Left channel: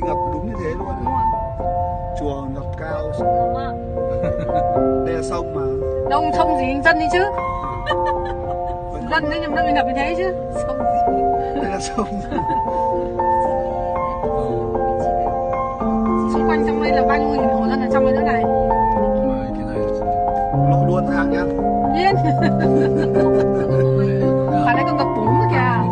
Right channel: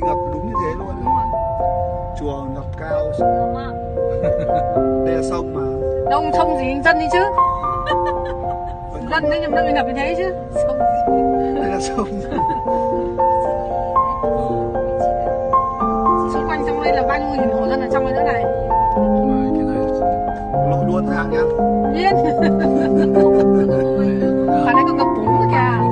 Ngập đúng như thế luôn. Đúng rồi. Chùa ngập cao. Đây là sông mà. Đâu sông gì dân đi chứ. Dân đấy nhưng nó bị ngập như thế chứ. Sông gì? Đây là sông. Xung quanh trong đây là bao nhiêu nghìn hộ dân ở trong đây nữa này. Cái này lội luôn ra nhá. Nhiên. Bạn ấy còn ngập bún nữa kìa.